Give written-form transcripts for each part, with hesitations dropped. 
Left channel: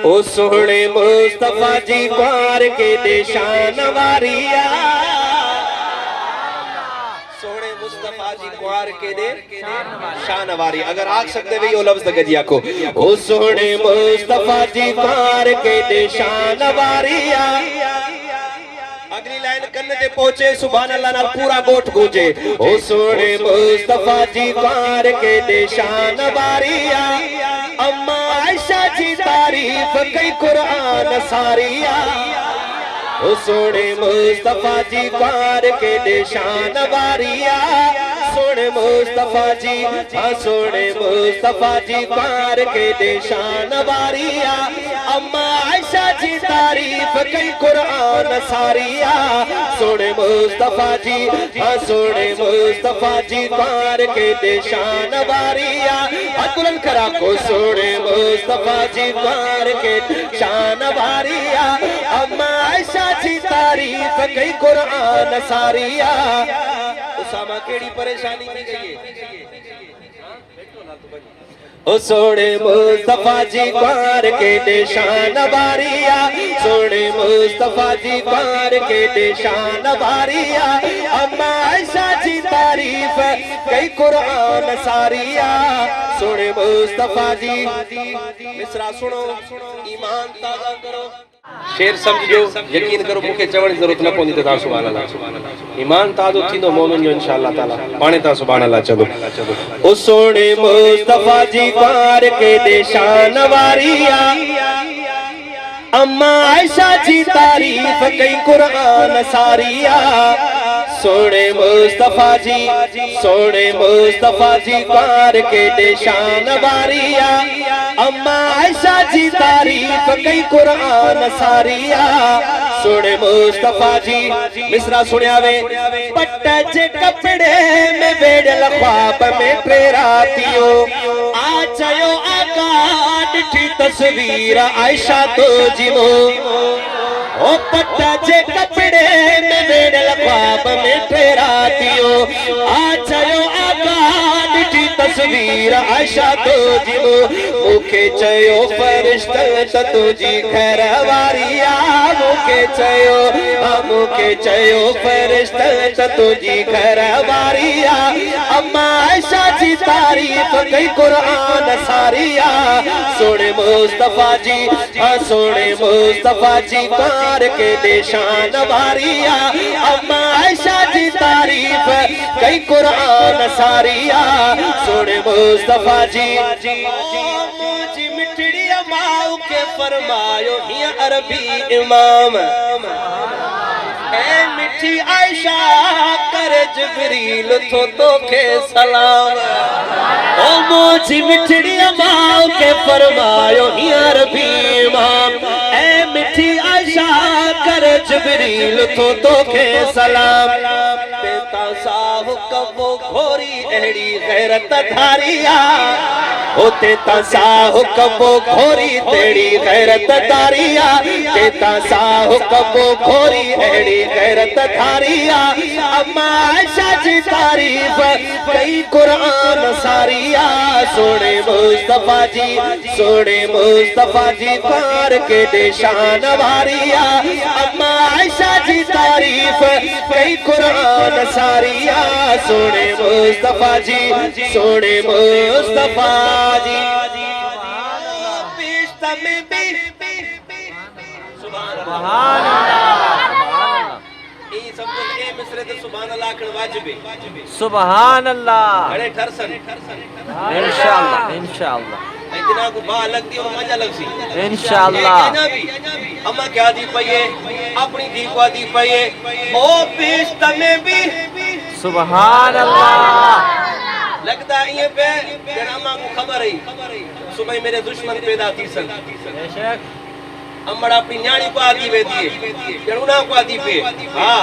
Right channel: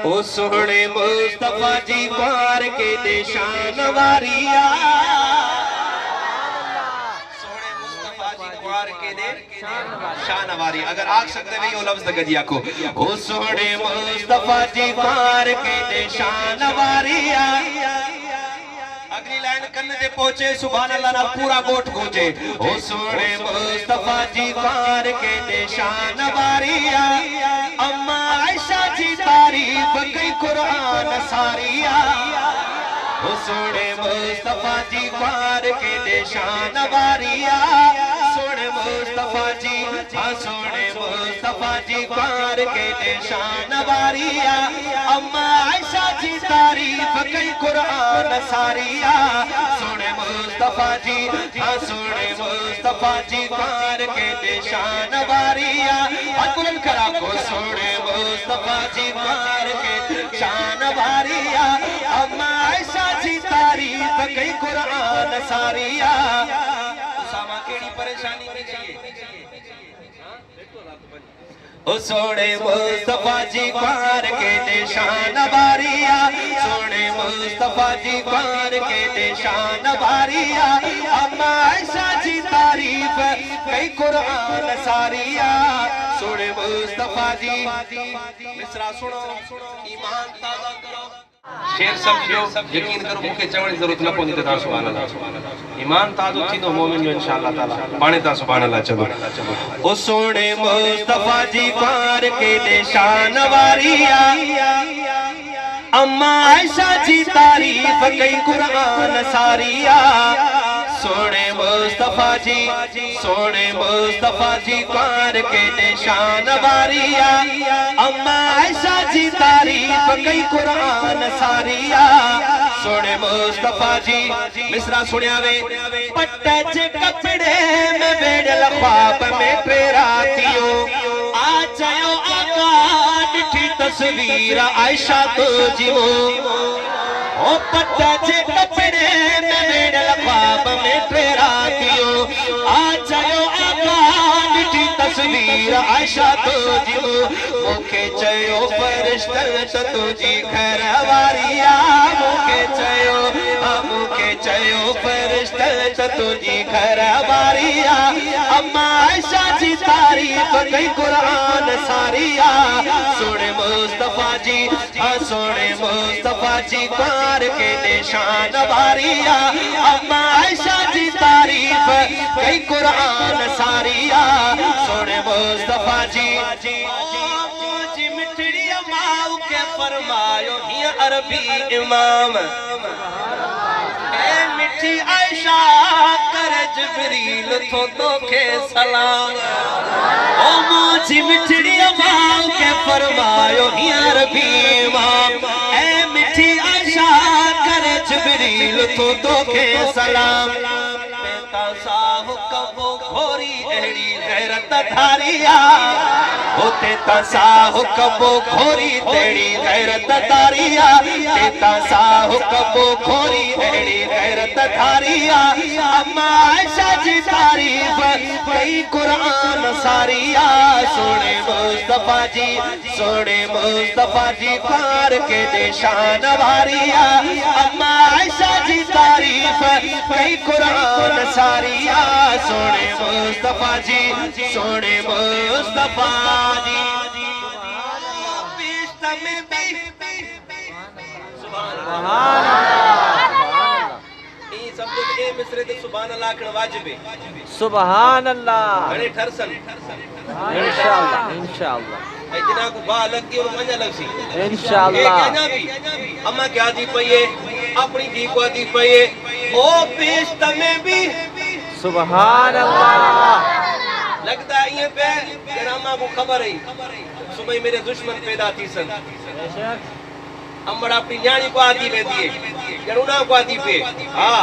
ओ सोहणे मुस्तफा जी कुंवार के निशान वारिया सोहणे मुस्तफा जी कुंवार के दे शान वारी। अगर आख सकते भी वो लफ्ज गजिया को ओ सोहणे मुस्तफा जी कुंवार के निशान वारिया। अगली लाइन करने दे पहुंचे सुभान अल्लाह ना पूरा गोठ गूंजे ओ सोहणे मुस्तफा जी कुंवार के निशान वारिया। अम्मा आयशा जी तारीफ कई कुरान सारिया ओ सोने मुस्तफा जी कुंवार के निशान वारिया। सोने मुस्तफा जी सोने मुस्तफा जी कुंवार के निशान वारिया। अम्मा आयशा जी तारीफ कई कुरान सारिया सोने मुस्तफा जी सोने मुस्तफा जी कुंवार के निशान वारिया। बुलंद करा को सोने मुस्तफा जी कुंवार के शान वारिया। अम्मा आयशा जी तारीफ कई कुरान सारिया। उसामा केड़ी परेशानी थी चाहिए ओ सोने मुस्तफा जी कुंवार के निशान वारिया। सोने मुस्तफा जी कुंवार के निशान वारिया। अम्मा आयशा जी तारीफ कई कुरान सारिया सोने मुस्तफा जी। मिसरा सुनो ईमान ताज़ा करो शेर समझो यकीन करो मुके चवण जरूरत न कोनी त सुभान अल्लाह। ईमान ताज़ो थी तो मोमिन जो इंशाअल्लाह ताला पाणे ता सुभान अल्लाह चबो ओ सोने मुस्तफा जी कुंवार के निशान वारिया। अम्मा आयशा जी तारीफ कई कुरान सारिया सोने मुस्तफा जी कुंवार के निशान वारिया। अम्मा आयशा जी तारीफ कई कुरान सारिया सोने मुस्तफा जी। मिसरा सुनिया वे पट्टे जे कपड़े में वेड़ल ख्वाब में प्रेरातियो आ चयो आका डिठी तस्वीर आयशा तो जिमो ओ पट्टे जे कपड़े में वेड़ल ख्वाब में प्रेरातियो आ चयो आका डिठी तस्वीर आयशा तो जिमो मुखे चयो फरिश्ता तुझी घर वारिया। मुखे चयो फरिश्ता तुझी घर वारिया। अम्मा आयशा जी तारीफ कई कुरान सारिया सोने मुस्तफा जी कुंवार के निशान वारिया। अम्मा आयशा जी तारीफ कई कुरान सारिया सोने मुस्तफा जी। मिठड़ी अमाओ के फरमायो ही अरबी इमाम ए मिठी आयशा करे जिब्रील तो के सलाम। ओ मोजी मिठड़ी अमाओ के फरमायो ही अरबी इमाम ए मिठी आयशा करे जिब्रील तो के सलाम। तेता साहो कबो घोरी एड़ी गैरत धारिया होते तासाहो कबो खोरी तेरी गैरत तारिया। तेता साहो कबो खोरी एड़ी गैरत तारिया। अम्मा आयशा जी तारीफ कई कुरान सारिया सोने मुस्तफा जी कुंवार के निशान वारिया। अम्मा आयशा जी तारीफ कई कुरान सारिया सोने मुस्तफा जी सुभान अल्लाह। ई सब तो ए मिसरे ते सुभान अल्लाह कण वाजिब है। सुभान अल्लाह घणे ठरसन इंशाअल्लाह ए दिना को बा लगती और मजा लगसी इंशाअल्लाह। ए कहना भी अम्मा क्या दी पई अपनी दी को दी पई ओ पेश में भी सुभान अल्लाह। लगता ये पे जनामा को खबर है सुबह मेरे दुश्मन पैदा थी सन अम्मड़ा अपनी न्याणी को आदि वे दिए जरूना को आदि पे हाँ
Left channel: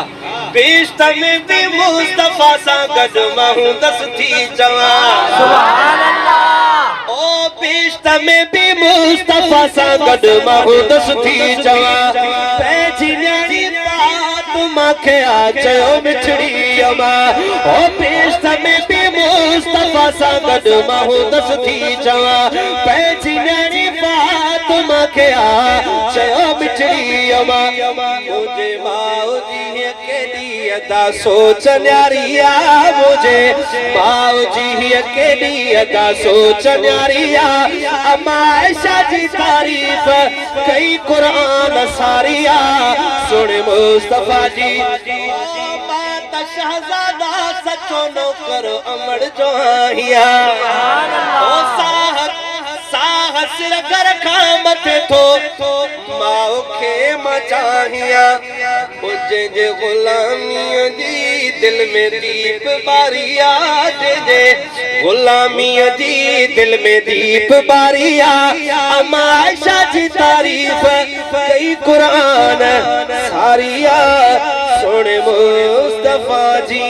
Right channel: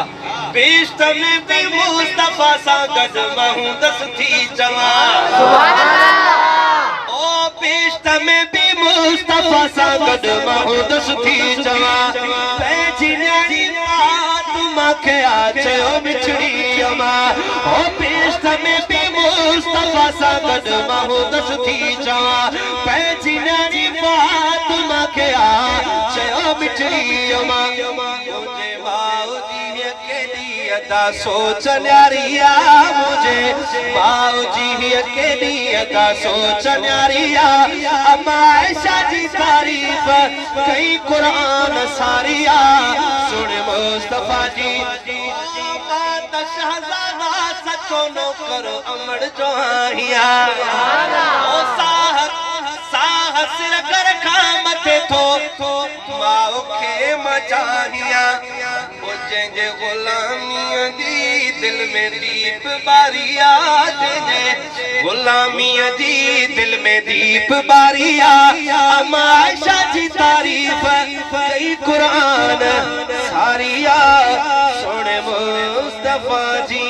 बेश्ता में भी मुस्तफा सा गजमा हूँ दस थी जवान सुभान अल्लाह। ओ बेश्ता में भी मुस्तफा सा गजमा हूँ दस थी जवान पैजी न्याणी तुम के आचो मिठड़ी अमा ओ बेश्ता में भी मुस्तफा सा गजमा हूँ दस थी जवान पैजी न्याणी तुम के आ चयो मिठड़ी अमा मुझे माओ जी के दिया दा सोच न्यारिया मुझे माओ जी के दिया दा सोच न्यारिया अम्मा आयशा जी तारीफ कई कुरान सारिया सुन मुस्तफा जी माता शहजादा सचो नौकर अमर जो आहिया साहस रखर खामते थो माओ खे मचाहिया मुझे जे गुलामी दी दिल में दीप बारिया जे गुलामी दी दिल में दीप बारिया अम्मा आयशा जी तारीफ कई कुरान सारिया सुन मुस्तफा जी